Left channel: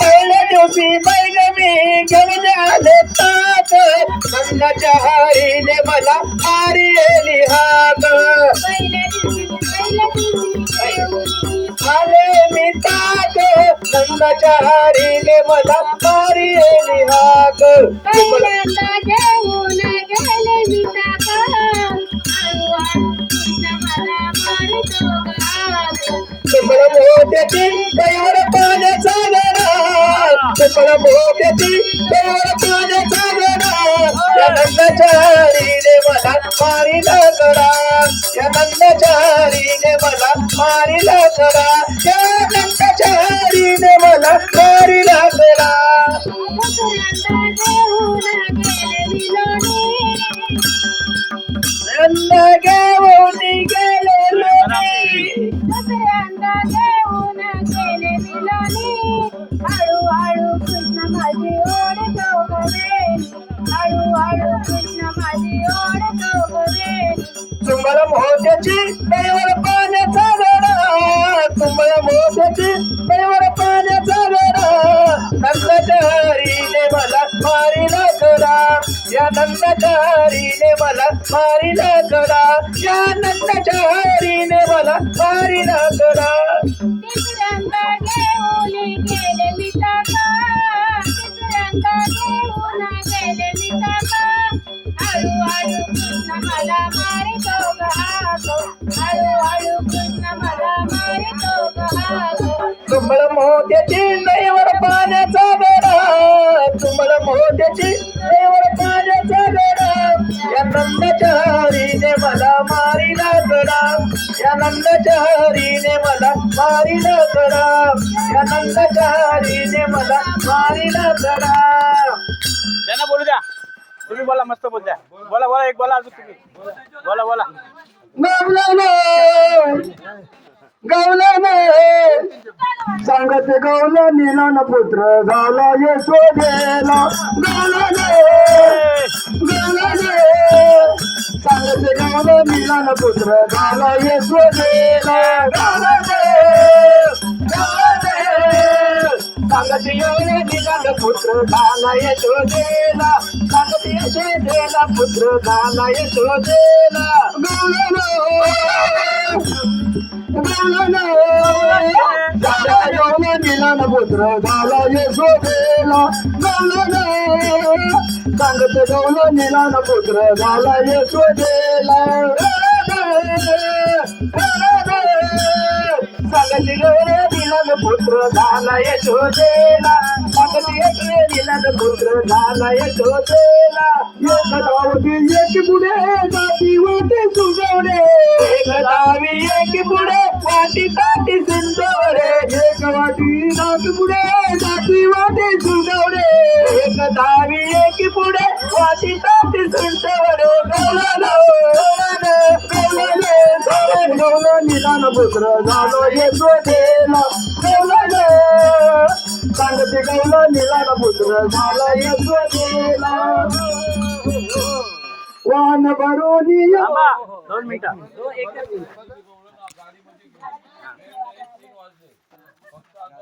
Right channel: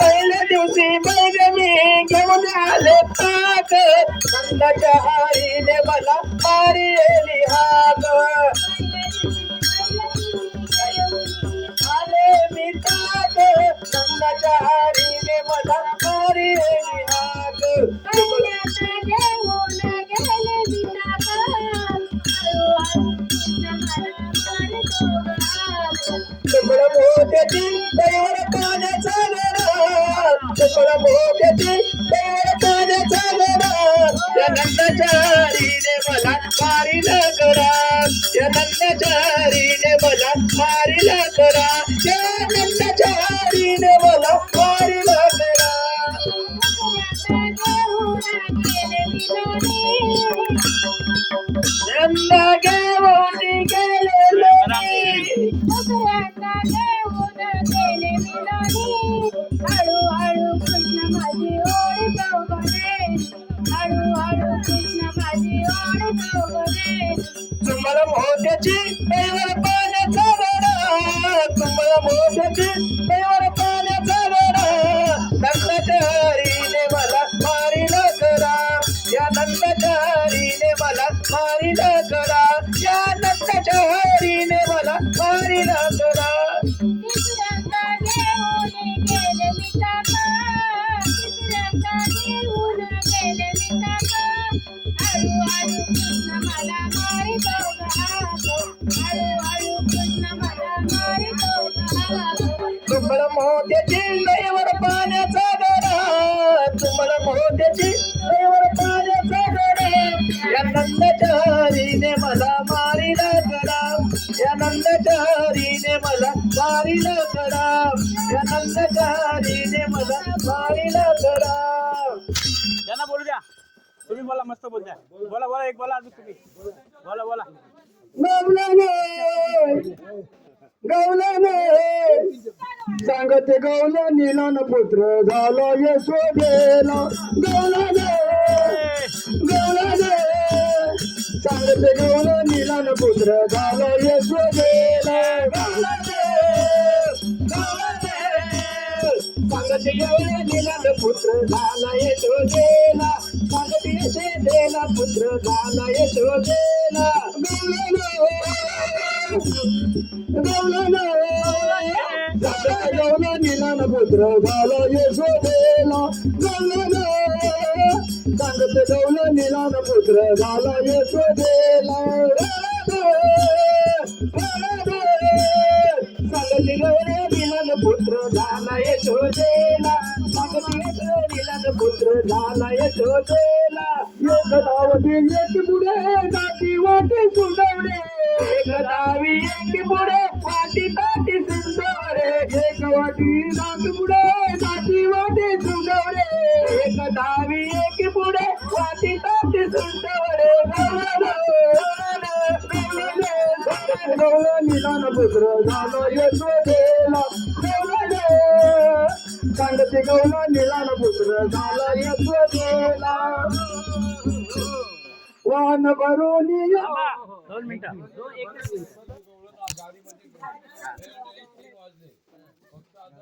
पहिल्या दिवशी बैगमी घेऊन आले ताक नंदाच्या हरीने मला मारिली हाक आले मी ताक नंदाच्या हरीने मला मारिली हाक तुमला मोत्याची कैवर पाण्याचा गडा तुमला मोत्याची कैवर पाण्याचा गडा या नंदाच्या हरीने मला मारिला गडा या नंदाच्या हरीने मला मारिला गडा या नंदाच्या हरीने मला मारिला गडा नंदा घेऊन गेले तुम्हाला मोत्याची कैवर पाण्याचा गडा तुम्हाला मोत्याची कैवर पाण्याचा गडा नंदाच्या हरीने मला मारिला गडा या नंदाच्या हरीने मला मारिला गडा या नंदाच्या हरीने मला मारिला गडा तुम्हाला मोत्याची कैवर पाण्याचा गडा तुम्हाला मोत्याची कैवर पाण्याचा गडा या नंदाच्या हरीने मला मारिला गडा या नंदाच्या हरीने मला मारिला गडा या नंदाच्या हरीने मला मारिला गडा त्यांना बोलू द्या तुम्ही बोला मस्त बोल द्या बोला बोला एक बोला अजून तुम्ही बोला बोला गवल्याने सांगत गवला नीलन पुत्र झाला यशोदेला गवल्याने सांगत गवला नीलन पुत्र झाला यशोदेला सांगत गवला नीलन पुत्र झाला यशोदेला सांगत यशोदेला पुत्र झाला यशोदेला नीलन पुत्र झाला यशोदेला सांगत गवला नीलन पुत्र झाला यशोदेला सांगत गवला नीलन पुत्र झाला यशोदेला सांगत नीलन पुत्र झाला यशोदेला एक धावती एक पुढे जाती वाटे सुजवणे एक धावी एक पुढे वाटी ताटी सुंदवणे एक वाटी नाक पुढे जाती वाटे सुजवणे एक धावी एक पुढे वाटी ताटी सुंदवणे गवला नीलन पुत्र झालो यशोदेला सांगते गवला नीलन पुत्र झाला यशोदेला वान भरोनी 2 मिनिटं